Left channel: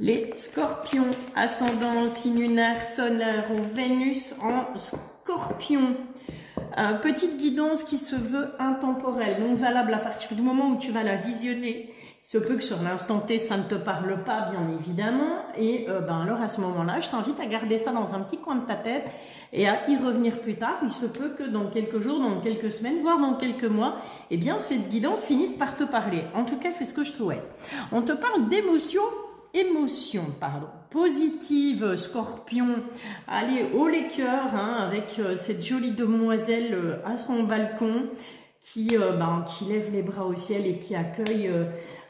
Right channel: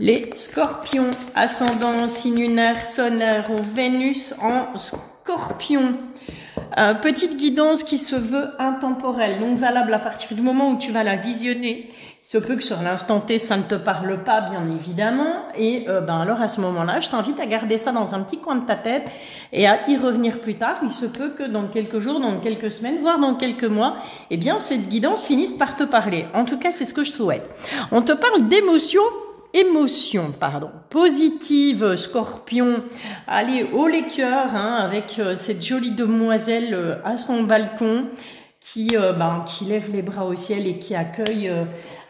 Les scorpions, ascendant, signe lunaire, solaire ou Vénus en scorpion. Petite guidance qui se veut intemporelle, donc valable à partir du moment où tu vas la visionner. Il se peut que sur l'instant T, ça ne te parle pas, bien évidemment. Et alors à ce moment-là, je t'invite à garder ça dans un petit coin de ta tête et à y revenir plus tard. Il se peut que dans quelques jours, dans quelques semaines, voire dans quelques mois, eh bien cette guidance finisse par te parler. En tout cas, c'est ce que je souhaite. On te parle d'émotion positive, scorpion. Allez, haut les cœurs, hein, avec cette jolie demoiselle à son balcon qui lève les bras au ciel et qui accueille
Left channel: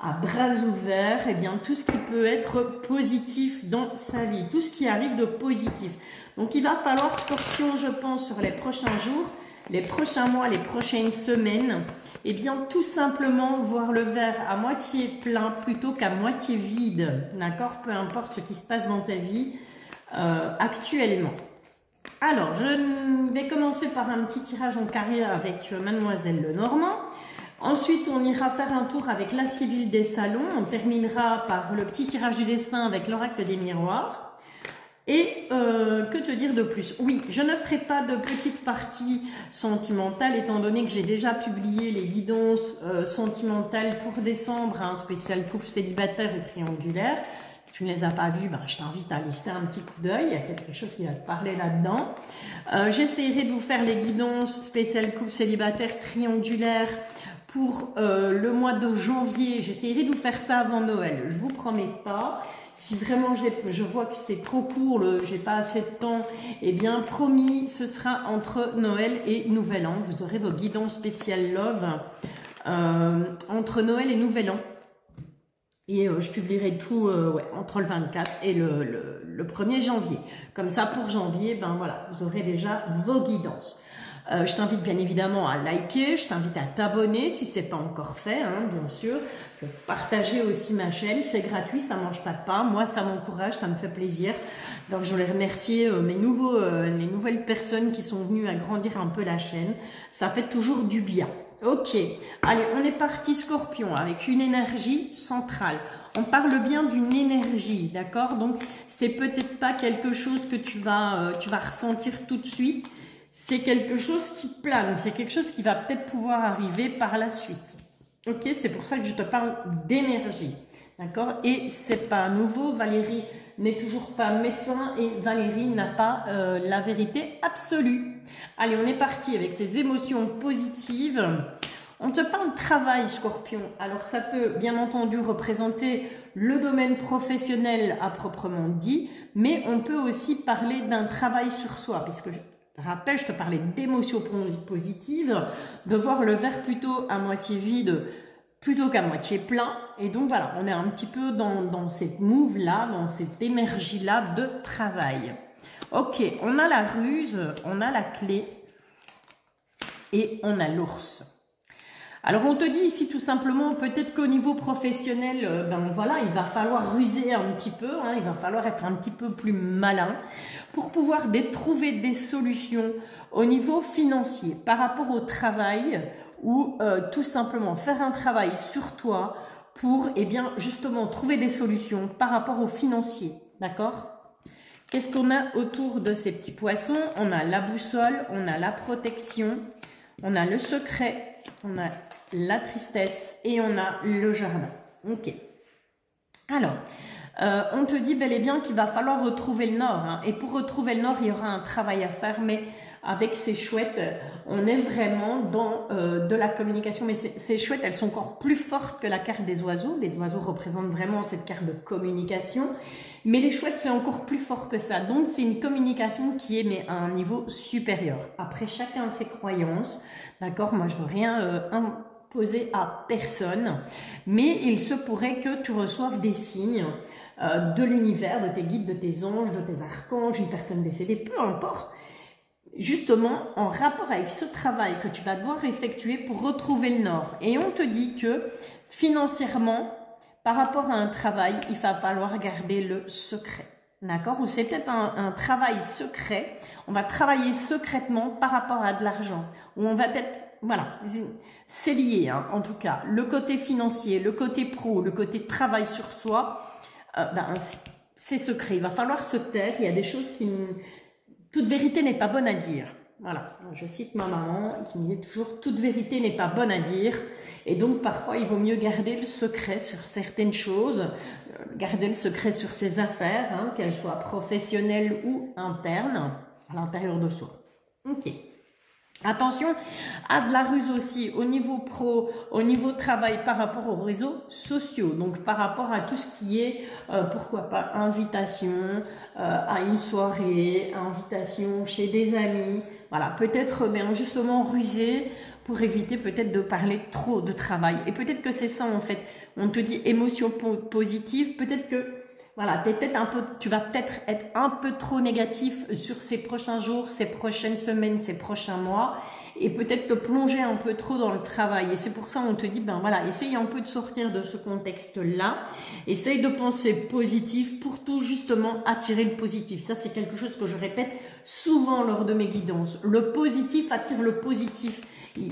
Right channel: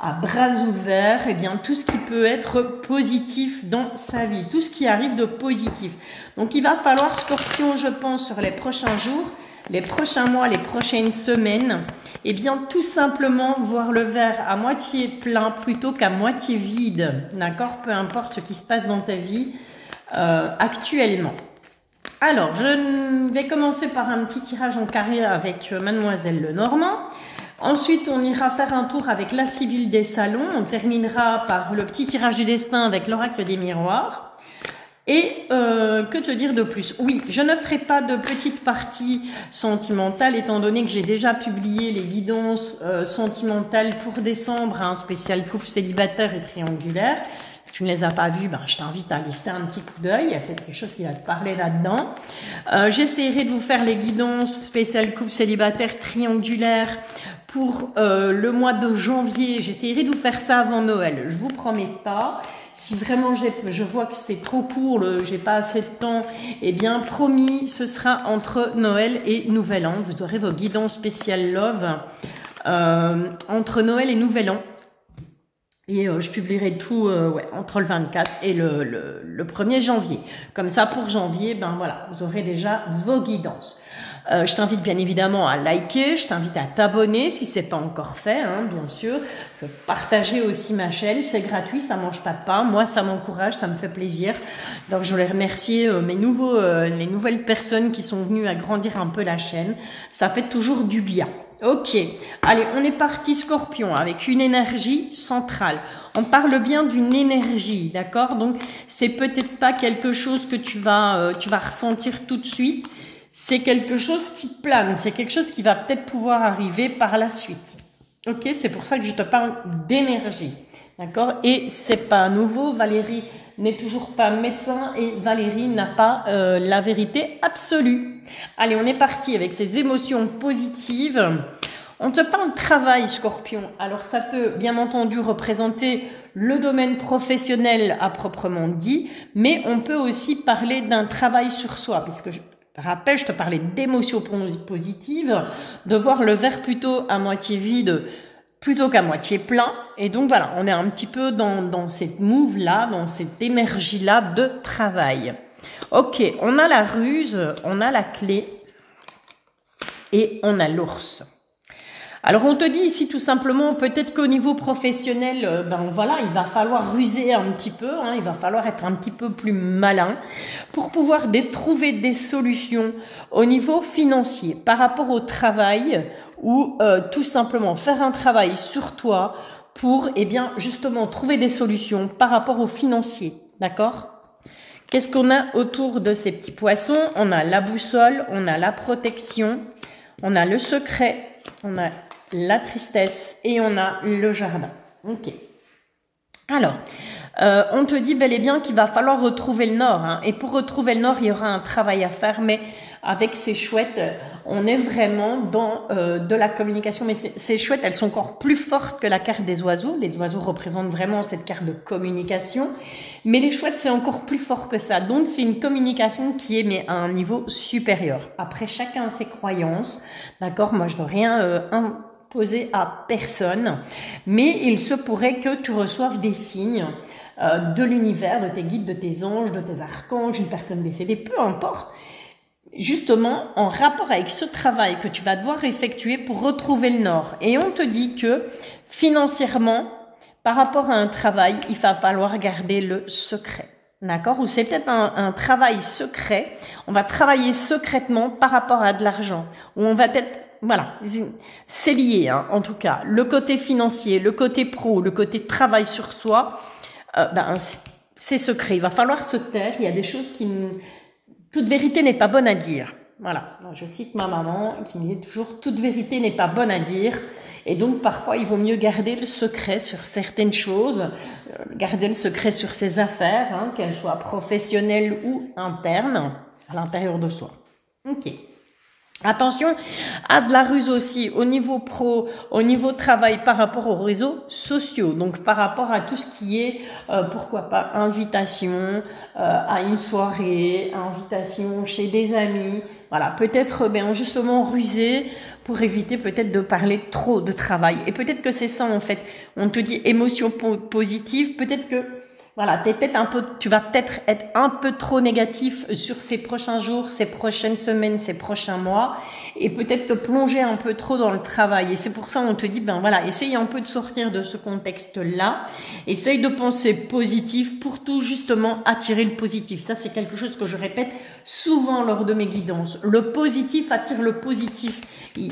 à bras ouverts tout ce qui peut être positif dans sa vie, tout ce qui arrive de positif. Donc il va falloir, scorpion, je pense, sur les prochains jours, les prochains mois, les prochaines semaines, tout simplement voir le verre à moitié plein plutôt qu'à moitié vide, d'accord? Peu importe ce qui se passe dans ta vie actuellement. Alors, je vais commencer par un petit tirage en carré avec Mademoiselle Lenormand. Ensuite, on ira faire un tour avec la Sibylle des Salons. On terminera par le petit tirage du destin avec l'oracle des miroirs. Et que te dire de plus? Oui, je ne ferai pas de petite partie sentimentale étant donné que j'ai déjà publié les guidances sentimentales pour décembre, un spécial couple célibataire et triangulaire. Si tu ne les as pas vues, je t'invite à aller jeter un petit coup d'œil. Il y a peut-être quelque chose qui va te parler là-dedans. J'essaierai de vous faire les guidances spéciales couple célibataire triangulaire pour le mois de janvier. J'essaierai de vous faire ça avant Noël. Je vous promets pas. Si vraiment je vois que c'est trop court, j'ai pas assez de temps, promis, ce sera entre Noël et Nouvel An. Vous aurez vos guidances spéciales Love entre Noël et Nouvel An. Et je publierai tout entre le 24 et le 1er janvier. Comme ça, pour janvier, voilà, vous aurez déjà vos guidances. Je t'invite bien évidemment à liker, je t'invite à t'abonner si ce n'est pas encore fait, hein, bien sûr. Partager aussi ma chaîne, c'est gratuit, ça ne mange pas de pain. Moi, ça m'encourage, ça me fait plaisir. Donc, je voulais remercier les nouvelles personnes qui sont venues agrandir un peu la chaîne. Ça fait toujours du bien. Ok, allez, on est parti Scorpion avec une énergie centrale. On parle bien d'une énergie, d'accord? Donc, c'est peut-être pas quelque chose que tu vas ressentir tout de suite. C'est quelque chose qui plane, c'est quelque chose qui va peut-être pouvoir arriver par la suite. Ok, c'est pour ça que je te parle d'énergie, d'accord? Et c'est pas nouveau, Valérie n'est toujours pas médecin et Valérie n'a pas la vérité absolue. Allez, on est parti avec ces émotions positives. On te parle de travail, Scorpion. Alors, ça peut bien entendu représenter le domaine professionnel à proprement dit, mais on peut aussi parler d'un travail sur soi, puisque je te parlais d'émotions positives, de voir le verre plutôt à moitié vide plutôt qu'à moitié plein. Et donc voilà, on est un petit peu dans cette move-là, dans cette énergie-là de travail. Ok, on a la ruse, on a la clé et on a l'ours. Alors on te dit ici tout simplement, peut-être qu'au niveau professionnel, voilà, il va falloir ruser un petit peu, hein, il va falloir être un petit peu plus malin pour pouvoir trouver des solutions au niveau financier par rapport au travail ou tout simplement faire un travail sur toi pour justement trouver des solutions par rapport au financier, d'accord? Qu'est-ce qu'on a autour de ces petits poissons? On a la boussole, on a la protection, on a le secret, on a la tristesse et on a le jardin. Ok. Alors, on te dit bel et bien qu'il va falloir retrouver le nord. Hein, et pour retrouver le nord, il y aura un travail à faire. Mais avec ces chouettes, on est vraiment dans de la communication. Mais ces chouettes, elles sont encore plus fortes que la carte des oiseaux. Les oiseaux représentent vraiment cette carte de communication. Mais les chouettes, c'est encore plus fort que ça. Donc, c'est une communication qui est à un niveau supérieur. Après, chacun a ses croyances. D'accord? Moi, je ne veux rien imposer à personne. Mais il se pourrait que tu reçoives des signes de l'univers, de tes guides, de tes anges, de tes archanges, une personne décédée, peu importe. Justement, en rapport avec ce travail que tu vas devoir effectuer pour retrouver le nord. Et on te dit que financièrement, par rapport à un travail, il va falloir garder le secret. D'accord? Ou c'est peut-être un travail secret. On va travailler secrètement par rapport à de l'argent. Ou on va peut-être, voilà, c'est lié, hein, en tout cas. Le côté financier, le côté pro, le côté travail sur soi, c'est secret. Il va falloir se taire. Il y a des choses qui... Toute vérité n'est pas bonne à dire. Voilà, je cite ma maman qui me dit toujours « toute vérité n'est pas bonne à dire ». Et donc, parfois, il vaut mieux garder le secret sur certaines choses, garder le secret sur ses affaires, hein, qu'elles soient professionnelles ou internes, à l'intérieur de soi. Ok. Attention à de la ruse aussi au niveau pro, au niveau travail par rapport aux réseaux sociaux. Donc par rapport à tout ce qui est, pourquoi pas, invitation à une soirée, invitation chez des amis. Voilà, peut-être justement ruser pour éviter peut-être de parler trop de travail. Et peut-être que c'est ça en fait. On te dit émotion positive, peut-être que... Voilà, tu vas peut-être être un peu trop négatif sur ces prochains jours, ces prochaines semaines, ces prochains mois, et peut-être te plonger un peu trop dans le travail. Et c'est pour ça on te dit, essaye un peu de sortir de ce contexte-là, essaye de penser positif pour tout justement attirer le positif. Ça, c'est quelque chose que je répète souvent lors de mes guidances. Le positif attire le positif.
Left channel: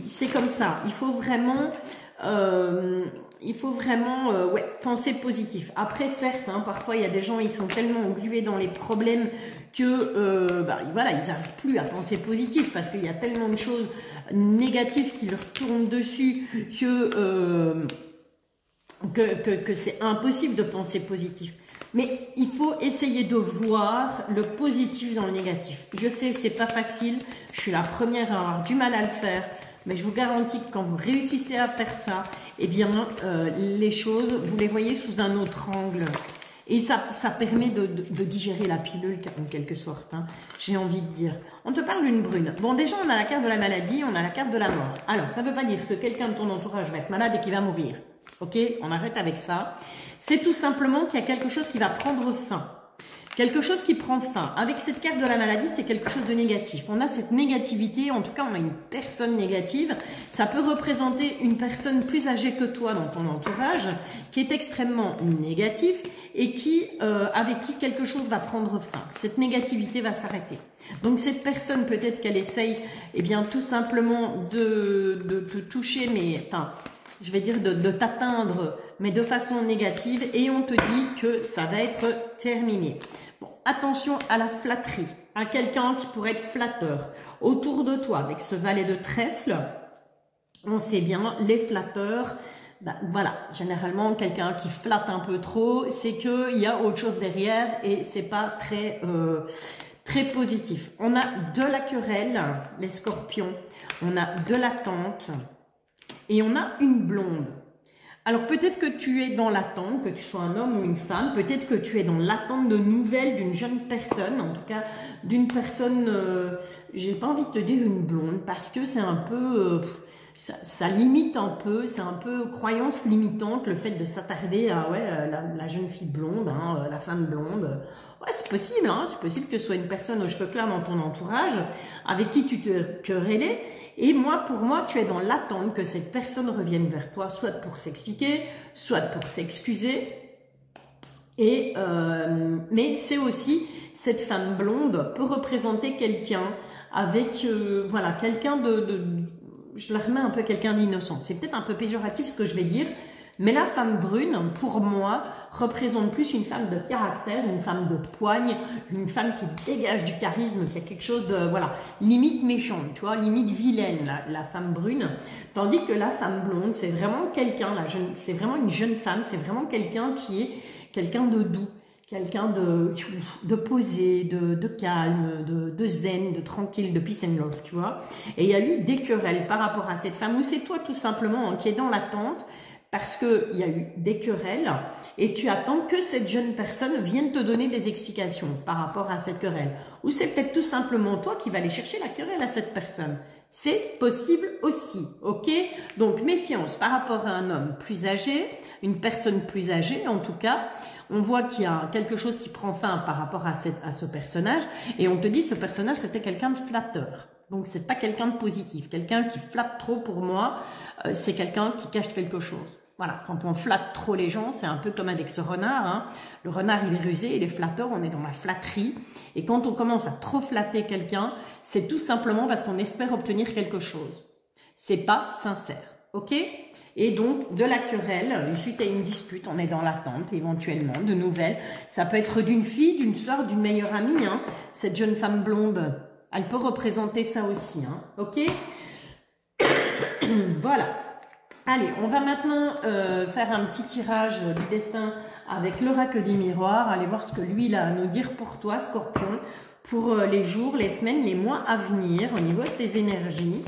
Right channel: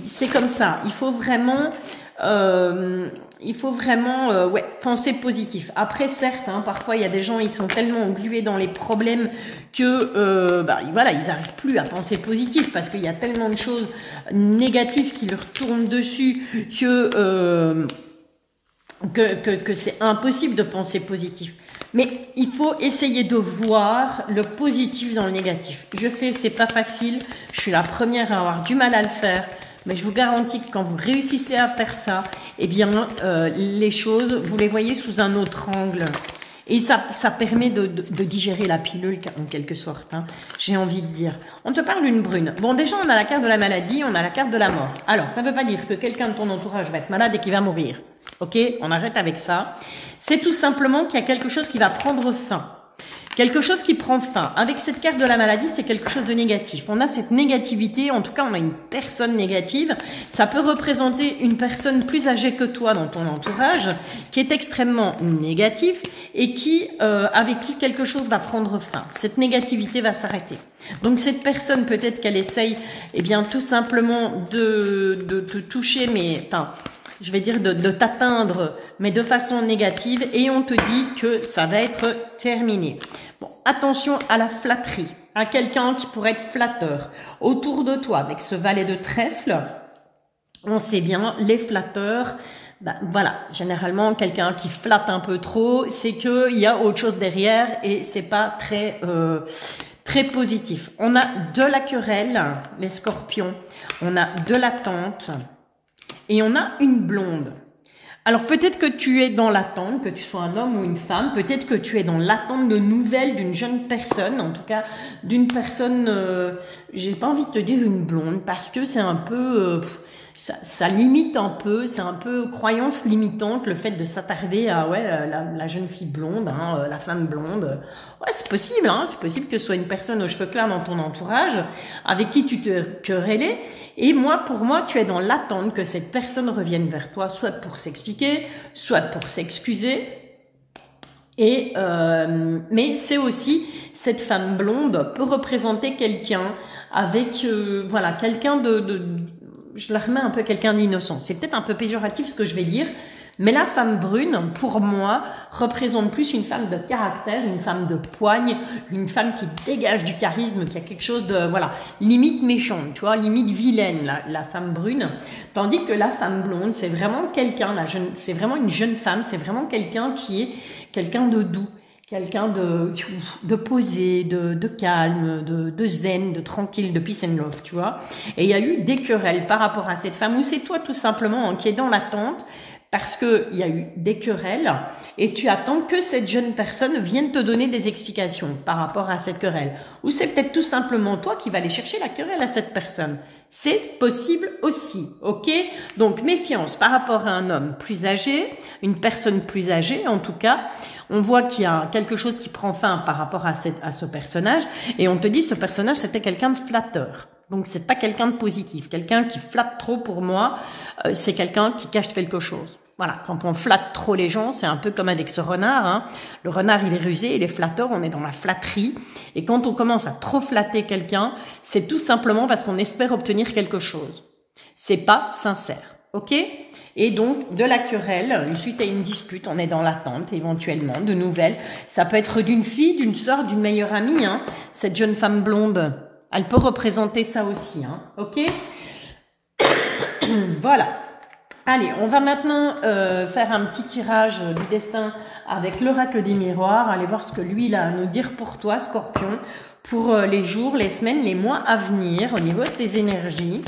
C'est comme ça. Il faut vraiment... penser positif. Après, certes, hein, parfois, il y a des gens, ils sont tellement englués dans les problèmes que, ils n'arrivent plus à penser positif parce qu'il y a tellement de choses négatives qui leur tournent dessus que c'est impossible de penser positif. Mais il faut essayer de voir le positif dans le négatif. Je sais, c'est pas facile. Je suis la première à avoir du mal à le faire. Mais je vous garantis que quand vous réussissez à faire ça, eh bien, les choses, vous les voyez sous un autre angle. Et ça permet de digérer la pilule, en quelque sorte, hein, j'ai envie de dire. On te parle d'une brune. Bon, déjà, on a la carte de la maladie, on a la carte de la mort. Alors, ça ne veut pas dire que quelqu'un de ton entourage va être malade et qu'il va mourir. Ok, on arrête avec ça. C'est tout simplement qu'il y a quelque chose qui va prendre fin. Quelque chose qui prend fin. Avec cette carte de la maladie, c'est quelque chose de négatif. On a cette négativité, en tout cas on a une personne négative. Ça peut représenter une personne plus âgée que toi dans ton entourage, qui est extrêmement négatif et avec qui quelque chose va prendre fin. Cette négativité va s'arrêter. Donc cette personne, peut-être qu'elle essaye tout simplement de te toucher, mais... je vais dire de t'atteindre, mais de façon négative, et on te dit que ça va être terminé. Bon, attention à la flatterie, à quelqu'un qui pourrait être flatteur autour de toi, avec ce valet de trèfle. On sait bien, les flatteurs, généralement, quelqu'un qui flatte un peu trop, c'est qu'il y a autre chose derrière, et c'est pas très positif. On a de la querelle, les scorpions, on a de l'attente, et on a une blonde. Alors peut-être que tu es dans l'attente, que tu sois un homme ou une femme, peut-être que tu es dans l'attente de nouvelles d'une jeune personne, en tout cas d'une personne, j'ai pas envie de te dire une blonde, parce que c'est un peu, ça limite un peu, c'est un peu croyance limitante, le fait de s'attarder à la jeune fille blonde, hein, la femme blonde. Ouais, c'est possible, hein, c'est possible que ce soit une personne aux cheveux clairs dans ton entourage, avec qui tu te querellais. Et pour moi, tu es dans l'attente que cette personne revienne vers toi, soit pour s'expliquer, soit pour s'excuser. Mais c'est aussi, cette femme blonde peut représenter quelqu'un avec, quelqu'un je la remets un peu quelqu'un d'innocent. C'est peut-être un peu péjoratif ce que je vais dire, mais la femme brune, pour moi, représente plus une femme de caractère, une femme de poigne, une femme qui dégage du charisme, qui a quelque chose de, limite méchante, tu vois, limite vilaine, la femme brune. Tandis que la femme blonde, c'est vraiment quelqu'un, c'est vraiment une jeune femme, c'est vraiment quelqu'un qui est quelqu'un de doux, quelqu'un de posé, de calme, de zen, de tranquille, de peace and love, tu vois. Et il y a eu des querelles par rapport à cette femme, ou c'est toi tout simplement qui est dans l'attente, parce qu'il y a eu des querelles, et tu attends que cette jeune personne vienne te donner des explications par rapport à cette querelle. Ou c'est peut-être tout simplement toi qui vas aller chercher la querelle à cette personne. C'est possible aussi, ok? Donc méfiance par rapport à un homme plus âgé, une personne plus âgée en tout cas. On voit qu'il y a quelque chose qui prend fin par rapport à ce personnage, et on te dit ce personnage c'était quelqu'un de flatteur. Donc c'est pas quelqu'un de positif. Quelqu'un qui flatte trop pour moi, c'est quelqu'un qui cache quelque chose. Voilà, quand on flatte trop les gens, c'est un peu comme avec ce renard. Hein. Le renard, il est rusé, il est flatteur, on est dans la flatterie. Et quand on commence à trop flatter quelqu'un, c'est tout simplement parce qu'on espère obtenir quelque chose. C'est pas sincère. ok? Et donc, de la querelle, suite à une dispute, on est dans l'attente éventuellement de nouvelles. Ça peut être d'une fille, d'une sœur, d'une meilleure amie, hein, cette jeune femme blonde. Elle peut représenter ça aussi, hein, ok? Voilà. Allez, on va maintenant faire un petit tirage du destin avec l'oracle des miroirs. Allez voir ce que lui il a à nous dire pour toi, Scorpion, pour les jours, les semaines, les mois à venir au niveau de tes énergies.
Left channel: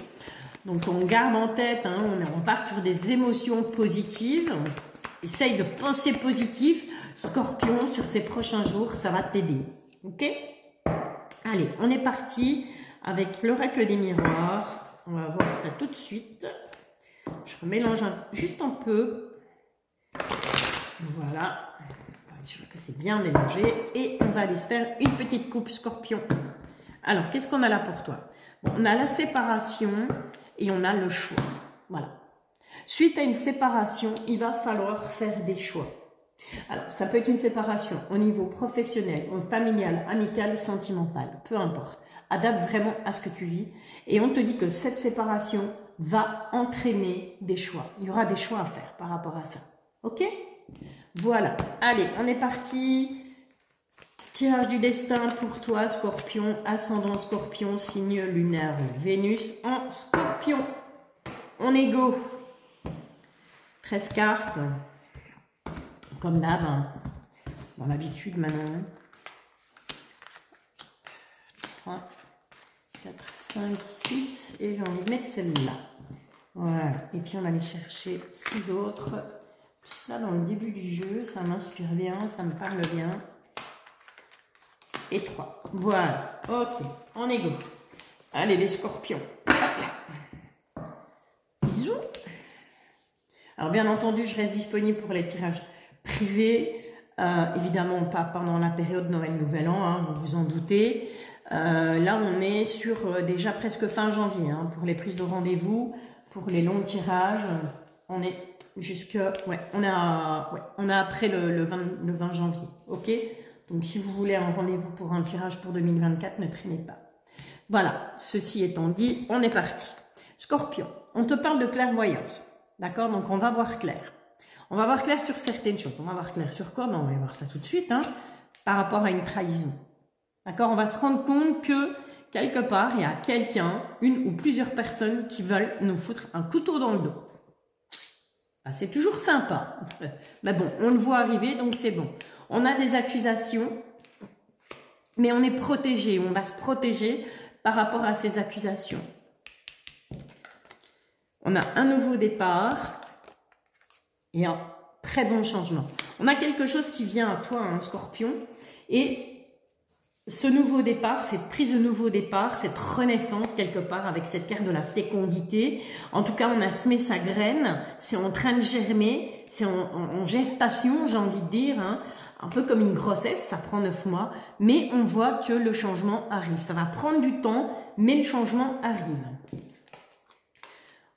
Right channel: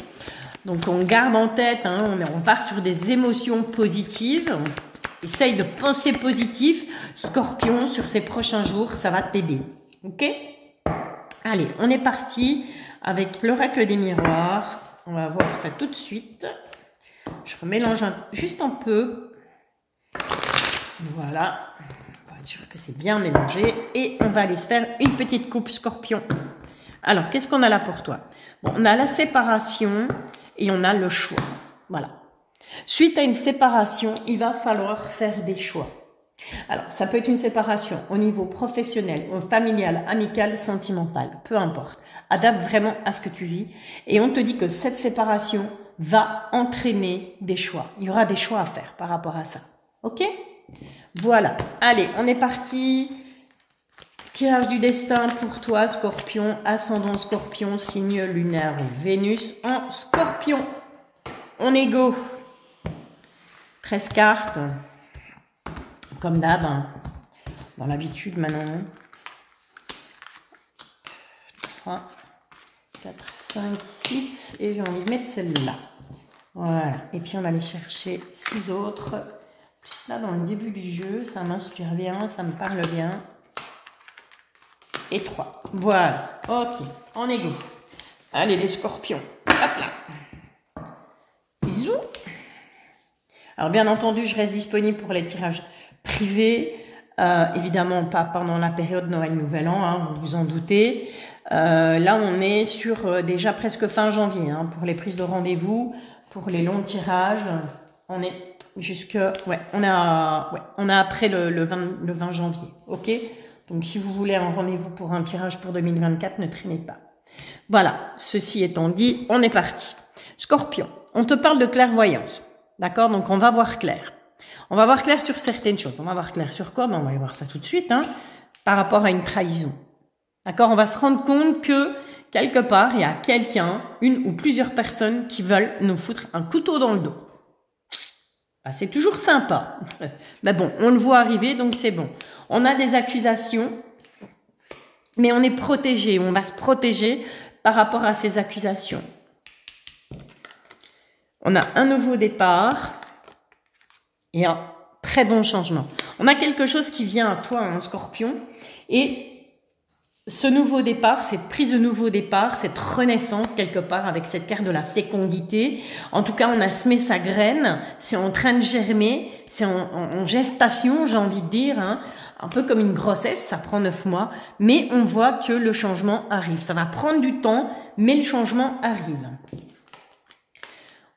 Donc on garde en tête, hein, on part sur des émotions positives. On essaye de penser positif. Scorpion, sur ces prochains jours, ça va t'aider. Ok? Allez, on est parti avec l'oracle des miroirs. On va voir ça tout de suite. Je remélange juste un peu. Voilà. On va être sûr que c'est bien mélangé. Et on va aller se faire une petite coupe, Scorpion. Alors, qu'est-ce qu'on a là pour toi? Bon, on a la séparation et on a le choix. Voilà. Suite à une séparation, il va falloir faire des choix. Alors, ça peut être une séparation au niveau professionnel, familial, amical, sentimental, peu importe. Adapte vraiment à ce que tu vis. Et on te dit que cette séparation va entraîner des choix. Il y aura des choix à faire par rapport à ça. Ok? Voilà. Allez, on est parti. Tirage du destin pour toi, Scorpion, ascendant Scorpion, signe lunaire Vénus en Scorpion. On est go. 13 cartes. Comme d'hab, hein. Dans l'habitude maintenant. 3, 4, 5, 6. Et j'ai envie de mettre celle-là. Voilà. Et puis on va aller chercher 6 autres. Plus là, dans le début du jeu, ça m'inspire bien, ça me parle bien. Et 3. Voilà. Ok. On est go. Allez, les Scorpions. Hop là. Bisous. Alors, bien entendu, je reste disponible pour les tirages privés. Évidemment, pas pendant la période Noël-Nouvel An, hein, vous vous en doutez. Là, on est sur déjà presque fin janvier, hein, pour les prises de rendez-vous, pour les longs tirages. On est jusque... Ouais, on a après le 20 janvier. Ok? Donc, si vous voulez un rendez-vous pour un tirage pour 2024, ne traînez pas. Voilà, ceci étant dit, on est parti. Scorpion, on te parle de clairvoyance. D'accord? Donc, on va voir clair. On va voir clair sur certaines choses. On va voir clair sur quoi? Ben, on va y voir ça tout de suite, hein, par rapport à une trahison. D'accord? On va se rendre compte que, quelque part, il y a quelqu'un, une ou plusieurs personnes qui veulent nous foutre un couteau dans le dos. Ben, c'est toujours sympa. Mais bon, on le voit arriver, donc c'est bon. On a des accusations, mais on est protégé. On va se protéger par rapport à ces accusations. On a un nouveau départ et un très bon changement. On a quelque chose qui vient à toi, un Scorpion, et ce nouveau départ, cette prise de nouveau départ, cette renaissance quelque part avec cette carte de la fécondité. En tout cas, on a semé sa graine, c'est en train de germer, c'est en gestation, j'ai envie de dire, hein. Un peu comme une grossesse, ça prend 9 mois, mais on voit que le changement arrive. Ça va prendre du temps, mais le changement arrive.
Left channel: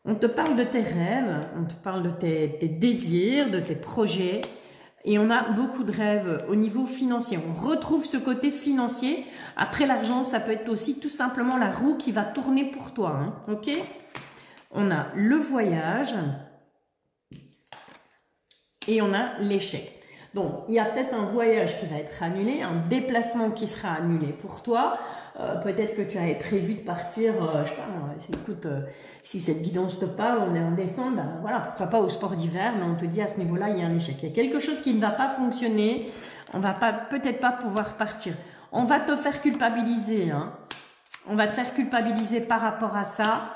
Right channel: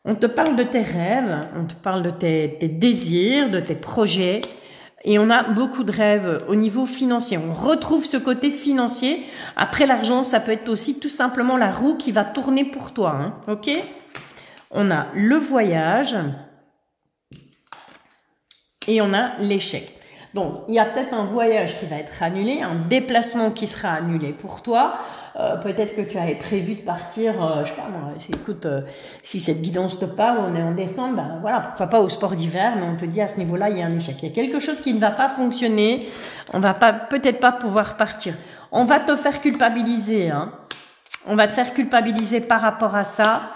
On te parle de tes rêves, on te parle de tes désirs, de tes projets, et on a beaucoup de rêves au niveau financier. On retrouve ce côté financier. Après l'argent, ça peut être aussi tout simplement la roue qui va tourner pour toi, hein, ok? On a le voyage et on a l'échec. Donc, il y a peut-être un voyage qui va être annulé, un déplacement qui sera annulé pour toi. Peut-être que tu avais prévu de partir, je sais pas, écoute, si cette guidance te parle, on est en décembre, ben voilà, pourquoi pas au sport d'hiver, mais on te dit à ce niveau-là, il y a un échec. Il y a quelque chose qui ne va pas fonctionner, on va peut-être pas pouvoir partir. On va te faire culpabiliser, hein. On va te faire culpabiliser par rapport à ça.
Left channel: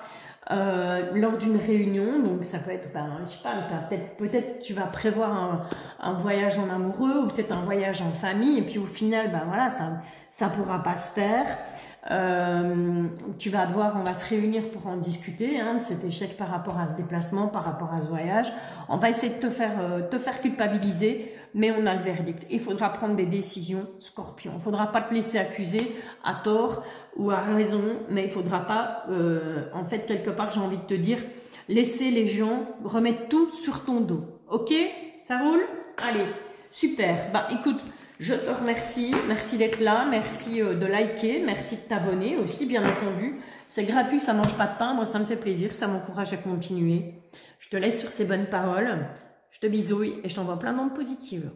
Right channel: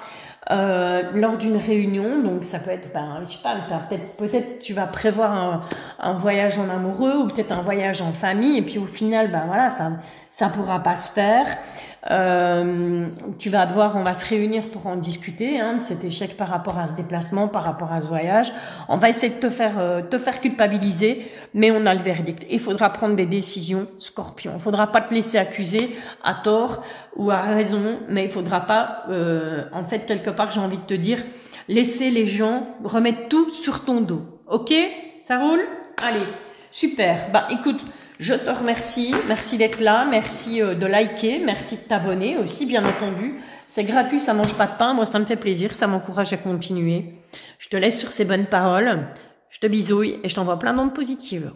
Lors d'une réunion, donc ça peut être, ben, je sais pas, peut-être tu vas prévoir un voyage en amoureux ou peut-être un voyage en famille et puis au final, ben voilà, ça pourra pas se faire. Tu vas devoir, on va se réunir pour en discuter, hein, de cet échec par rapport à ce déplacement, par rapport à ce voyage. On va essayer de te faire culpabiliser, mais on a le verdict. Il faudra prendre des décisions, Scorpion. Il faudra pas te laisser accuser à tort ou à raison, mais il faudra pas, en fait, quelque part, j'ai envie de te dire, laisser les gens remettre tout sur ton dos. Ok? Ça roule? Allez, super. Bah, écoute, je te remercie. Merci d'être là. Merci de liker. Merci de t'abonner aussi, bien entendu. C'est gratuit, ça mange pas de pain. Moi, ça me fait plaisir, ça m'encourage à continuer. Je te laisse sur ces bonnes paroles. Je te bisouille et je t'envoie plein d'ondes positives.